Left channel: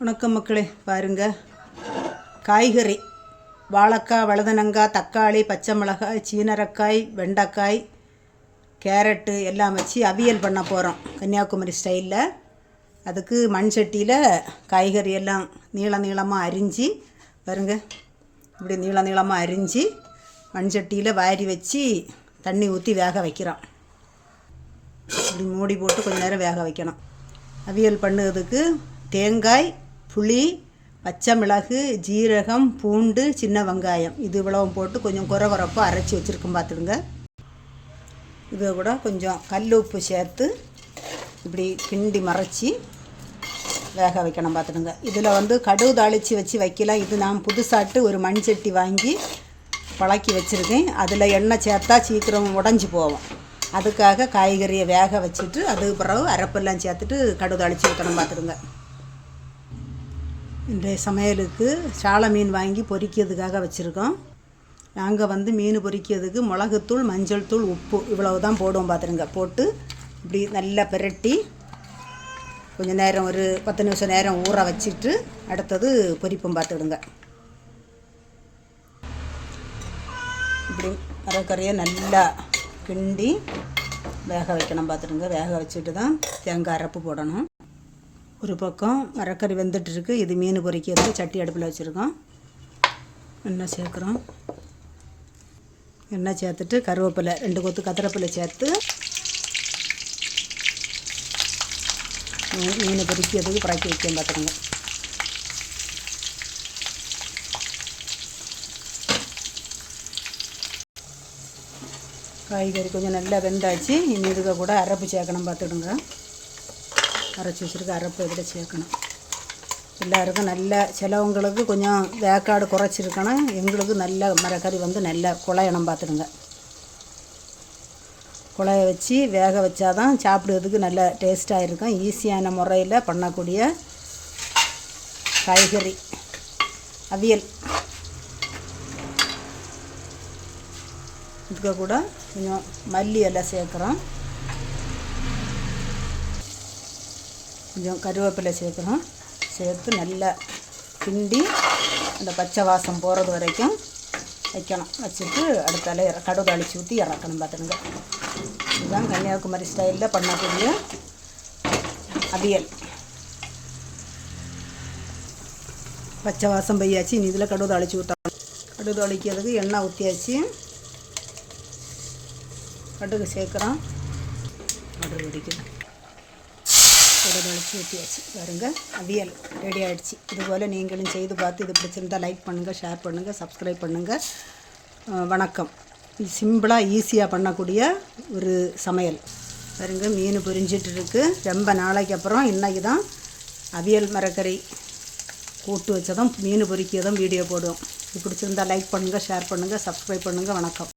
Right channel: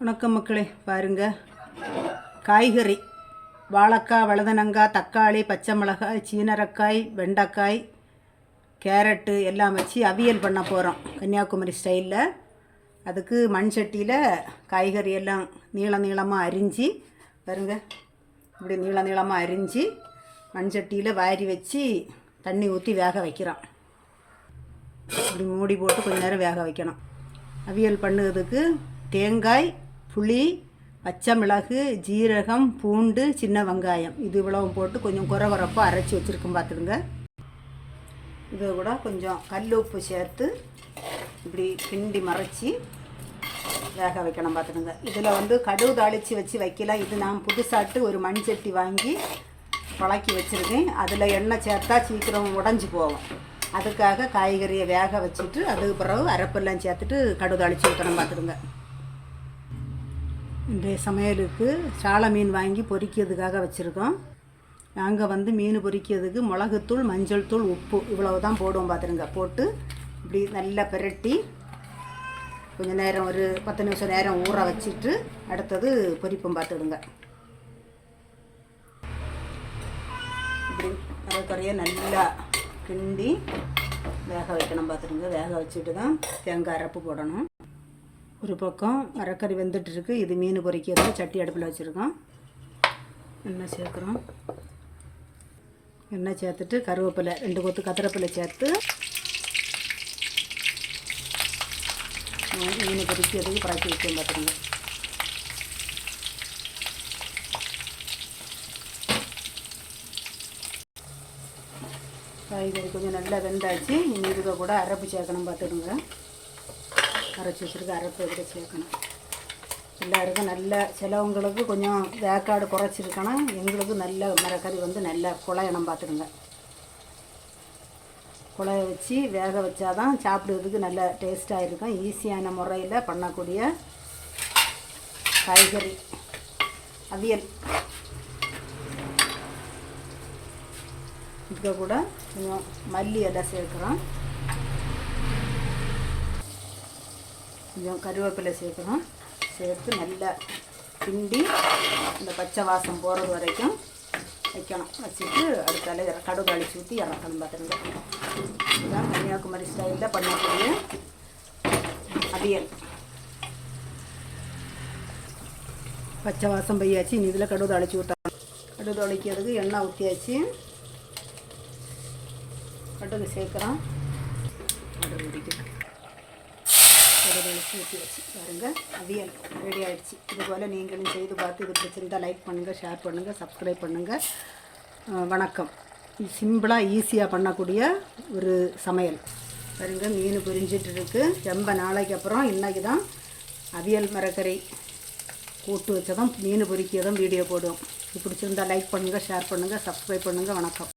வணக்கம் மக்களே பாருங்க. காய்கறி வாழைக்காய் வழுதனங்காய் தக்காளி பச்சை மிளகாய் சீனரக்காய் வெண்டைக்காய் கேரட்டு எல்லாம் வச்சு அவியல் பண்ண போகிறோம் கன்னியாகுமரி ஸ்டைலில் அதுக்கு மண் சட்டியில் காய்கறி எல்லாம் நீள நீளமாக அரிஞ்சு பாருங்க. இப்படி நீள நீளமாக அரிஞ்சு மண் சட்டியில் வாரி வச்சு தண்ணி ஊற்றி வேக வைக்கிறோம். இப்படி மூடி போட்டு கொஞ்ச நேரம் வேக வைக்கணும். அவியல் பண்ணுறதுக்கு தேங்காய் புளி பச்சை மிளகு ஜீரகம் பூண்டு சின்ன வெங்காயம். இது இவ்வளவும் போட்டு கொஞ்சம் குறவரப்பாக அரைச்சி வச்சுருக்கோம் பார்த்துடுங்க இதை கூட கொஞ்சம் கல் உப்பு சேர்த்து இப்படி கிண்டி மறைச்சி வேக வைக்கணும் பார்த்துடுங்க இதில் வந்து கடுகு தாளித்து வச்சு வைக்கலாம் இது நான் புதுசாட்டு ஒரு மண் சட்டி வாங்கி பழக்கி வச்சுருக்கேன். அதில் எண்ணெய் சேர்த்தா சீக்கிரம் உடஞ்சி போகும். அதுக்காக காய்கறியை வேக வச்சுட்டு அதுக்கு பிறகு அரைப்பெல்லாம் சேர்த்துட்டு கடுகு தாளித்து ஊற்றணும் பார்த்துடுங்க இந்த சமையலுக்கு சால மீன் வாங்கி பொறிக்கிறதுக்காக வச்சுருக்கோம். நாங்கள் வந்து மீன் பொறிக்கிறதுக்கு மிளகுத்தூள் மஞ்சள் தூள் உப்பு இவ்வளவு தான் போடுவோம் பார்த்துருங்க போட்டு இப்படி நல்லா பிரட்டி கொஞ்சம் நேரம் ஒரு பத்து நிமிஷம் நேரம் ஊற வச்சுட்டு அடுத்தது பொரிப்போம் பார்த்துடுங்க இப்படி அரைக்கறியை நல்லா கிண்டி வேக வைக்கணும் பார்த்துடுங்க வேக வச்சுட்டு தான் தேங்காய் அரைப்பு போடணும். ஒரு பக்கம் அரைக்கறி வெந்துட்டுருக்கு. இது மீன் பொரிக்கிறது சட்டி அடுப்பில் வச்சுருக்கோம். எண்ணெய் சேர்க்குறோம். எண்ணெய் சேர்த்துட்டு கருவேப்பிலை ரெண்டு கொத்து கத்திரப்பிலை சேர்த்து மீன் பொறிக்கிறதுக்கு பொரிக்கிறதுக்கு பறக்கி வைக்கும் பார்த்துக்கோங்க. காய்கறி கொஞ்சம் நல்லா வெந்தாச்சு. இனி இதுக்கு கூட அரைப்பு சேர்க்கணும் பார்த்துடுங்க அரைச்சி வச்சுருக்க அரைப்பு இதில் சேர்க்கணும். எல்லாருக்கும் நல்ல சிலவங்களுக்கு கொஞ்சம் வேக்காடு குறைச்சிருக்கணும் எங்களுக்கு நல்ல மரக்கறி வந்து நல்லா குழையணும் பார்த்துடுங்க குழைய வச்சு வேக வச்சாதான் சாப்பிடுறதுக்கு நல்ல டேஸ்ட்டாக இருக்கும். ஈஸியான முறையில் பண்ணக்கூடிய காய்கறி அவியல். இதுக்கு கூட கொஞ்சம் மல்லி எல்லாம் சேர்க்குறோம். கொஞ்சம் கருவேப்பிலை சேர்க்கணும். சேர்த்து நல்லா கிண்டி அந்த பச்சை வாசம் போகிறது வரைக்கும் வைக்கணும். வச்சுட்டு அடுத்தால இற- கடுகு அழிச்சு ஊற்றி இறக்கணும் பார்த்துருங்க இதுதான் கன்னியாகுமரி ஸ்டைலில் பண்ணக்கூடிய அவியல். பச்சை வாசம் பையாச்சு. இனி இதில் கடுகு அழிச்சு விட்டாங்க கடுகு அழிக்கிறதுக்கு எண்ணெய் ஊற்றியாச்சு கடுகு சேர்க்குறோம். கடுகு பிடிக்கும் கடுகு அழிச்சு ஊற்றியாச்சு பாருங்கள் அவியல் ரெடி ஆகிடுச்சு இதுபோல் நீங்களும் செய்து பார்த்து இது பிடிச்சிருந்தா லைக் பண்ணுங்கள் ஷேர் பண்ணுங்கள் சப்ஸ்கிரைப் பண்ணுங்கள் வணக்கம். இது சிம்பிளாக ஈஸியாக பண்ணக்கூடிய ஒரு சமையல். பாருங்க மீன் பொரிஞ்சிட்டு இருக்கு. ரொம்ப நாளைக்கு அப்புறம் இன்றைக்கி தான் அவியல் மரக்கறி கூட்டு வச்சதும் மீன் பொரிக்கிறதும் வீடியோ போடுவோம். இது பிடிச்சிருந்தால் லைக் பண்ணுங்கள் ஷேர் பண்ணுங்கள் சப்ஸ்கிரைப் பண்ணுங்கள் வணக்கம்.